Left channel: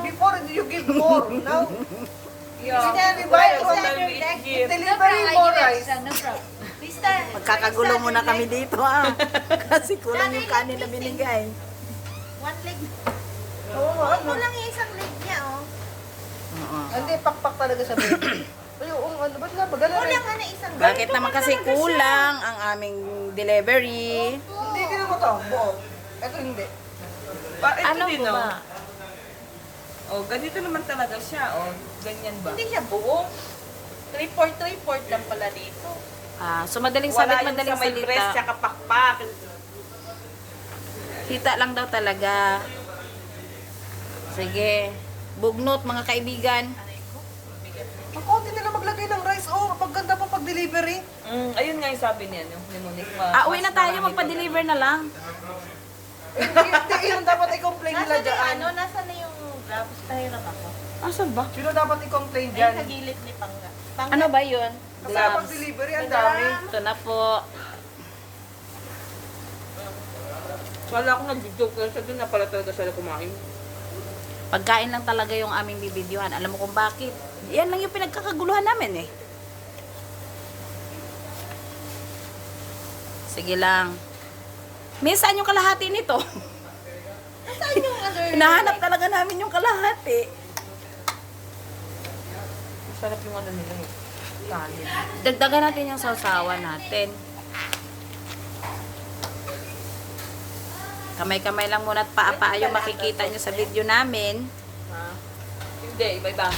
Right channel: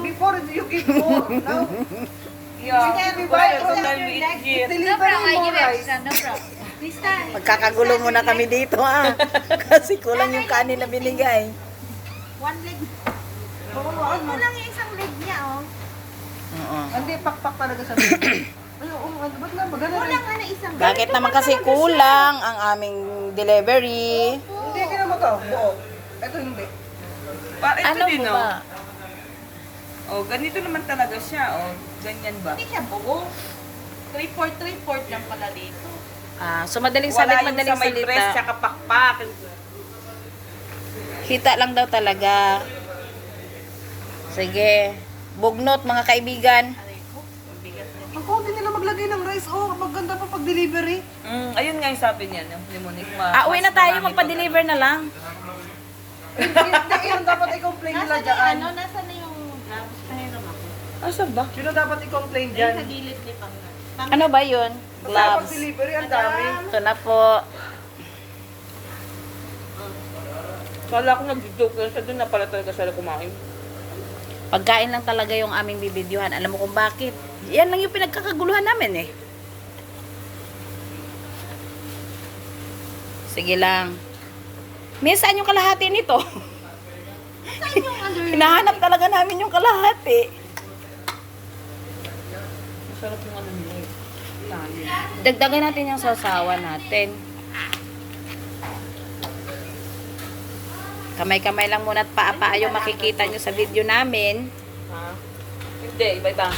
Before you give more. Now, Yeah. we buy Every all time we eat here. delivery more rice. Magkakagulo muna kami dito kasi kulang yung kanin na binigay. One leg. Oo, ano? Kulang yung isang leg niya, oh. Oo. Hindi, pakpak talaga sa baby. Ay, oo, ano, ba't nga magana rin? Kulang ka na isang leg. Bakit naman kasi kulang ang aming delivery? Hindi, hindi naman to. Buo. Ito hindi. Ito Ano din, ba? oh. Oh, ganito naman talaga siya, oh. Ganyan ba? Hindi siya buo. 3/4 lang pala dito. So madaling Wala salit, yung madaling sa may breast, salita. tsaka pakpak. Kita lang daw talaga. Sige. Bugnot mga kaibigan. Ang konti nila maglagay ng rice. Oh, maganda pa pag delivery. Ayun nga yung sabi niya, no? Ni Monique. Uwi na tayo, magpa-deliver na lang. Hindi, yun dapat i-complain nila Nasaan dyan. yung nasa na yung gloves? Pahiram ako. Asan ba? Sino dapat i-complain Ay, dyan? sa gilid ni Pangga. Ano ba yun? Basta pag Gloves. delivery, ang dami. Ito na po. Kala ko nag-joke lang sa doon na pala talaga sila kumain. Pagkain lang talaga yung aming bibidyohan. Alam mo kung bakit? Yan lang yung pinagkakaguluhan namin eh. Sige lang. Minsan yung kalahati nito. Saan yung under? Hinahanap talaga namin yung kalahati. Sarap yung ano nila. Tali. Dagdagan natin yung sausawan natin. Kamay-kamay lang muna at paa-paa yung makikita nyo sa video namin. Ha? Hindi, iba-iba.